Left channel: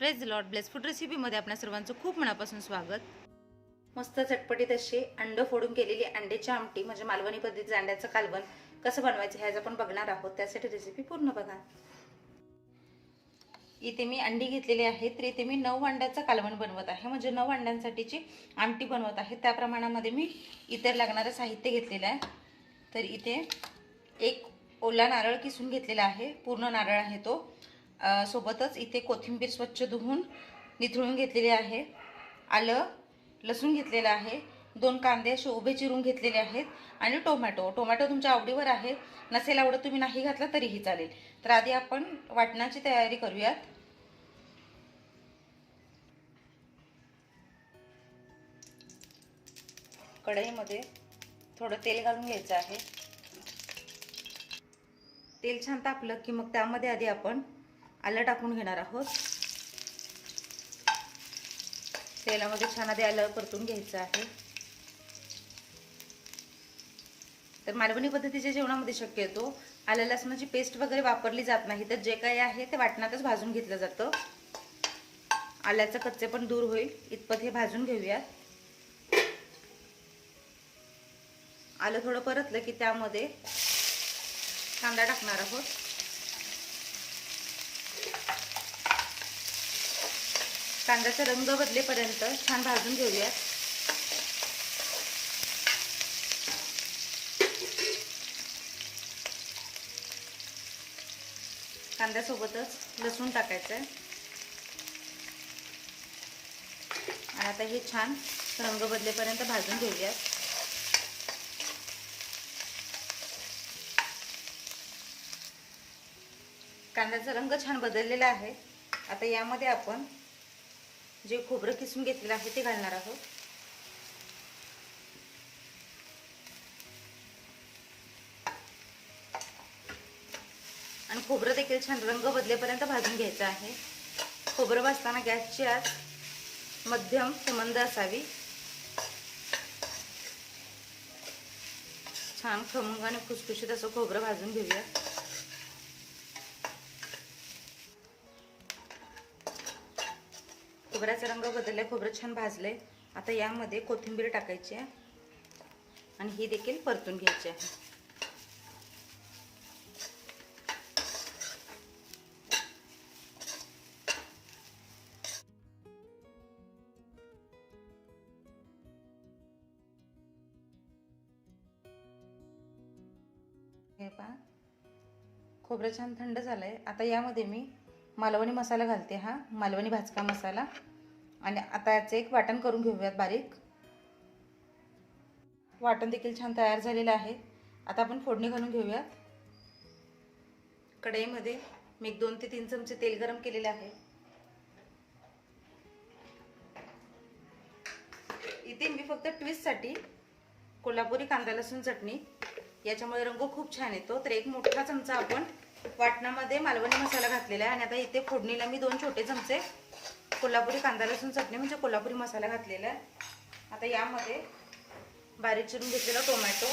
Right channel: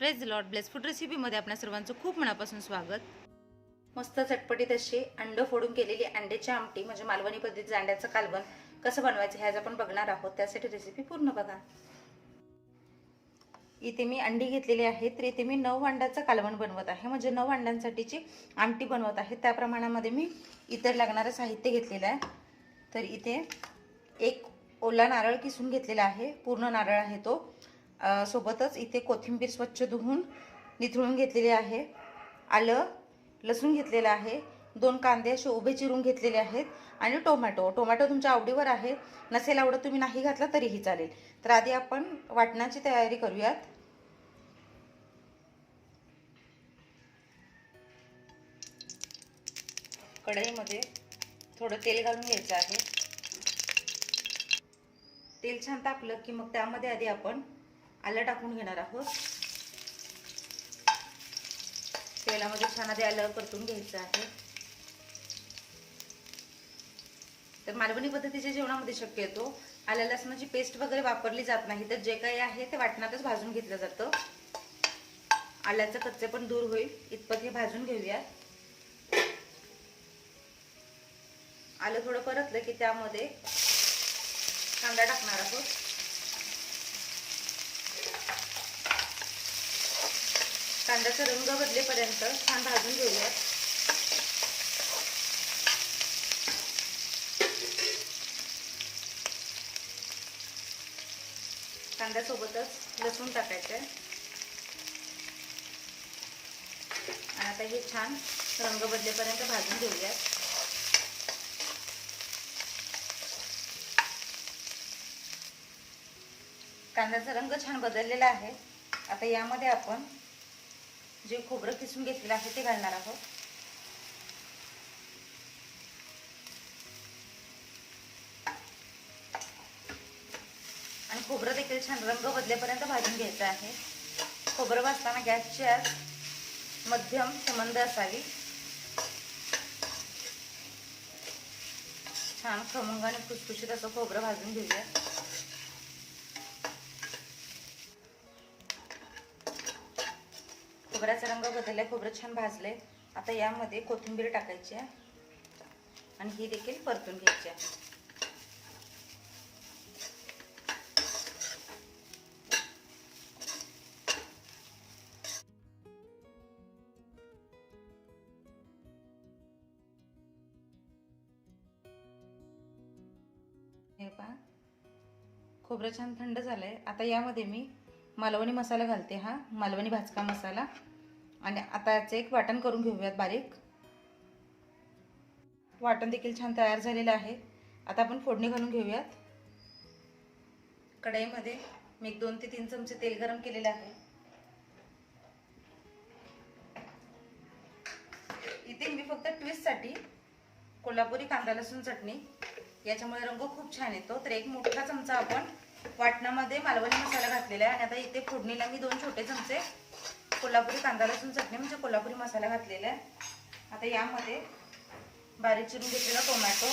Praise Lord bless food रेसिपीमध्ये आपल्या सर्वांचं खूप मनापासून स्वागत। मस्त चटपटीत अशी अंड फोडून केलेली अंड्याची आमटी म्हणजे मालवणी पद्धतीचं अंड्याचं कालवण कसं बनवायचं हे आज आपण बघणार आहोत। त्यासाठी रेसिपी पूर्ण बघा। इथे मी अंडी घेतलेली आहेत, तर इथे मी 9 अंड्याचं कालवण बनवत आहे, म्हणजे 9 अंड्यांसाठीची आमटी बनवत आहे। त्या प्रमाणामध्ये मी इतर लागणारं साहित्य घेतलेलं आहे। तर इथे एक ओला नारळ किसून घेतलेला आहे, पूर्ण नारळ आहे तो। सोबतच इथे कोथिंबीर स्वच्छ धुवून निथळून घेतलेली आहे, आलं लसूण घेतलेलं आहे, 2 कांदे असे उभे चिरून घेतलेले आहेत आणि टोमॅटो तुमच्या आवडीवर आहे, नसेल आवडत तुम्ही नाही घातला तरीही चालेल। तर आधी आपण वाटणाची तयारी करूयात। कढईमध्ये थोडं तेल घालून घ्यायचं आहे। तेल छान तापलं की मग त्यामध्ये आधी आपण आलं टाकून घेणार आहोत। तेलामध्ये छान आधी आलं परतून घ्यायचं आहे। तर मालवणी पद्धतीच्या जेवणामध्ये शक्यतो आलं लसणाची पेस्ट वगैरे वापरली जात नाही, तर जे काही आहे ते वाटणातच भाजून घेतलं जातं। आल्याचं कच्चे पण दूर होईल इतपत हे भाजून घेऊया। आलं थोडं परतलं की त्यामध्ये कांदा टाकणार आहोत। कांद्याचा रंग बदलेपर्यंत छान भाजून घेऊया। कांद्यासोबतच लसूण टाकायचं आहे। आता हे छान रंग बदलेपर्यंत भाजून घेऊया। कांद्याचा रंग छान बदललेला आहे। आता यामध्ये आपण जे खोबरं किसून घेतलेलं आहे ते घालणार आहोत। आणि खोबरं देखील छान रंग बदलेपर्यंत भाजून घ्यायचं आहे। खोबरं भाजताना गॅसची आच मध्यम ते मंद असावी। छान खमंग आणि खुसखुशीत असं खोबरं भाजून घेऊया। खोबऱ्याचा रंग बदललाय, खोबरं छान भाजले। आता यामध्ये कोथिंबीर टाकायची आहे आणि ही देखील परतून घ्यायची आहे। हे पहा खोबरं छान थंड झालंय। आता यामध्ये मी मालवणी मसाला घालते, हा मालवणी भाजका मसाला। आणि आता याचे एक वाटण करून घेऊयात बारीक। वाटण देखील छान तयार झालेलं आहे। आता आपण फोडणी घालून घेऊयात। कढईमध्ये मी 2 ते 3 चमचे तेल गरम केलेले आहे। इथे मी फक्त ट्विस्टसाठी कोल्हापुरी कांदा लसूण चटणी, याच्यामुळे रंग खूप छान येतो, तर 1 मोठा चमचा आपण वाटणामध्ये मालवणी मसाला घातलेला आहे। आणि आता इथे फोडणीला मी 2 छोटे चमचे कोल्हापुरी कांदा लसूण चटणी म्हणजे कोल्हापुरी मसाला घातलेला आहे। आता यामध्ये बारीक चिरून घेतलेला टोमॅटो,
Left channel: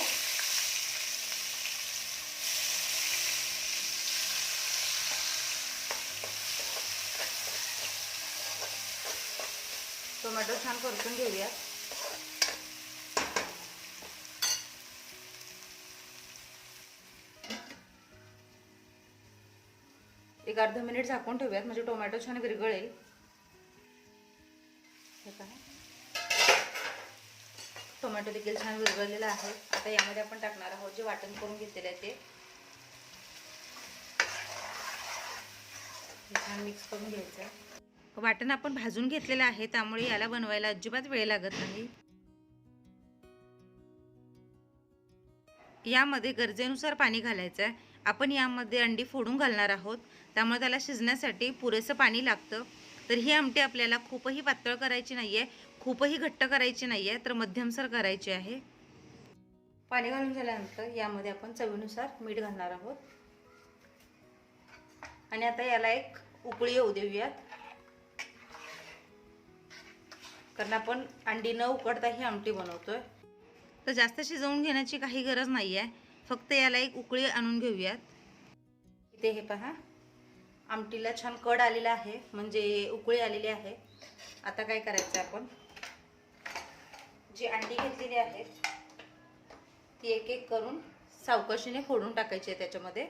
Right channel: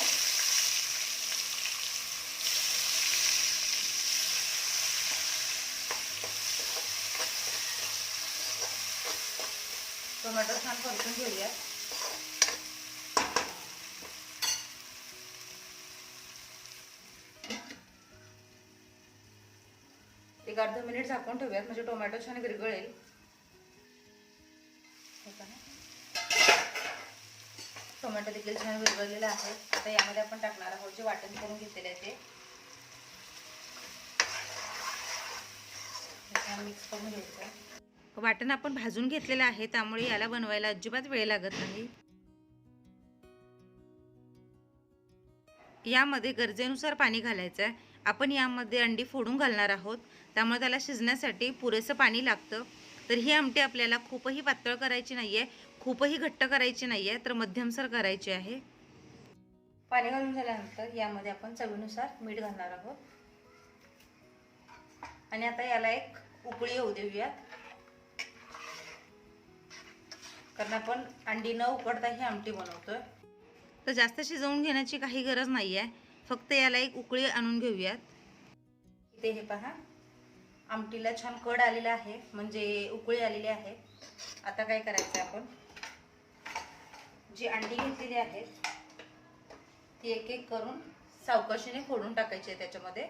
छान परतून घेऊया। एक अर्धा मिनिट झाकून ठेवूयात म्हणजे टोमॅटो छान विरघळेल। टोमॅटो देखील छान विरघळलेला आहे। आता यामध्ये आपण टाकणार आहोत जे वाटण करून घेतलेले आहे ते छान मिक्स करून घ्यायचं। वाटण आपण भाजून घेतलेलं आहे, त्यामुळे याला बनवायला अजिबात वेळ लागत नाही। यामध्ये गरजेनुसार पाणी घालायचं आहे। आपण यामध्ये अंडी फोडून घालणार आहोत, त्यामुळे त्याला शिजण्यासाठी पुरेसं पाणी लागतं। तर ही आमटी आपल्याला खूपही पातळ करायची नाहीये, खूपही घट्ट करायची नाहीये, तर मध्यमसर करायची आहे। पाणी घालून झाल्यानंतर यामध्ये आपण चवीनुसार मीठ घालणार आहोत आणि आता याला एक उकळी येऊ देऊयात, कारण आपण अंडी न उकडता ही आमटी बनवतोय। तर जास्त शिजवून घेण्याची काही गरज नाहीये, फक्त याला एक उकळी आणून घेऊयात। इथे हे पहा आमटीला छान कड आलेला आहे, म्हणजे उकळी आलेली आहे. आता काय करायचं, आपण जी अंडी घेतलेली आहे ती एक एक करून सावकाशीने फोडून टाकायची आहे त्याच्यामध्ये.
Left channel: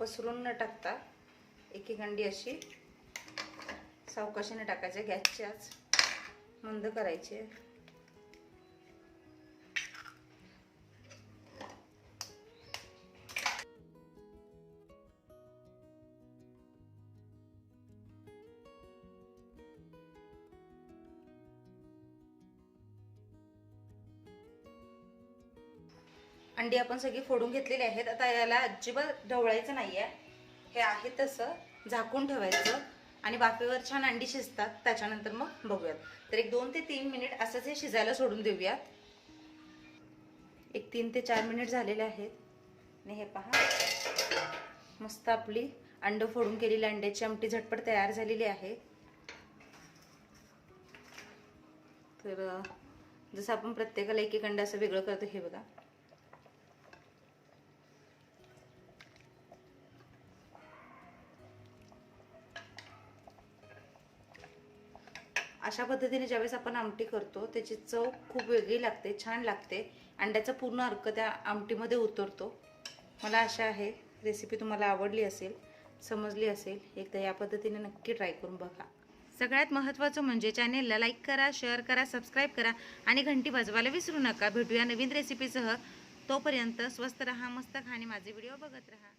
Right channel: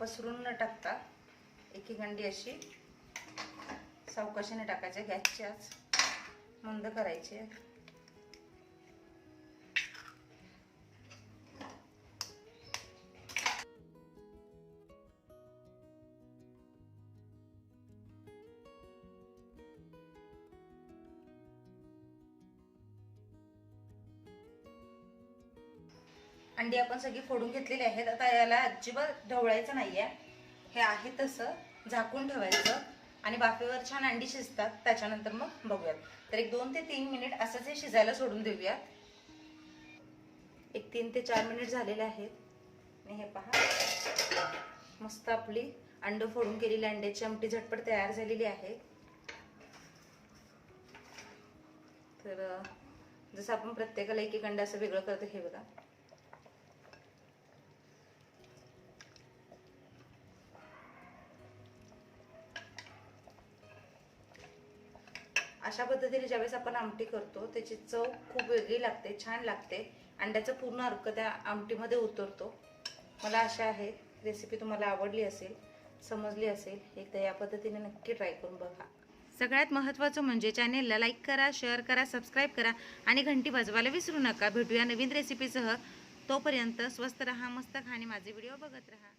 पसरून न टाकता एक एक अंडी अशी सावकाशीने टाकायची. गॅसची आच मंद करायची. अंडी आपण सगळी फोडून घेतलेली आहेत. आता याला अजिबात ढवळायचं नाहीये, हे आहे तसं झाकून ठेवायचं आणि वाफेवर छान अंडी शिजतात. त्याच्यानंतर मग बघूयात. तर एक 2 ते 3 मिनिट असंच हे शिजायला सोडून देऊयात. एक 3 ते 4 मिनिट झालेले आहेत आणि हे पहा, मस्त आपली अंड फोडून केलेली अंड्याची आमटी झटपट तयार झालेली आहे. तर जसं आपण प्रत्येकाला एक एक अंडा असं वेगळं करतो, हे बघा. अशा पद्धतीने ज्यावेळेस आपण आमटी करतो त्याची चव खूप वेगळी लागते, छान लागते. अंड्याचा पूर्ण अर्क त्या आमटीमध्ये उतरतो. मला आशा आहे रेसिपी तुम्हाला आवडली असेल, समजली असेल. एकदा या पद्धतीने नक्की ट्राय करून बघा. सगळ्यात महत्त्वाचं म्हणजे चॅनेलला लाईक करा, शेअर करा, सबस्क्राईब करा आणि घंटी वाजवायला विसरू नका. भेटूया नवीन रेसिपीसह. तोपर्यंत स्वस्त रहा, मस्त खा आणि माझे व्हिडिओ बघत रहा.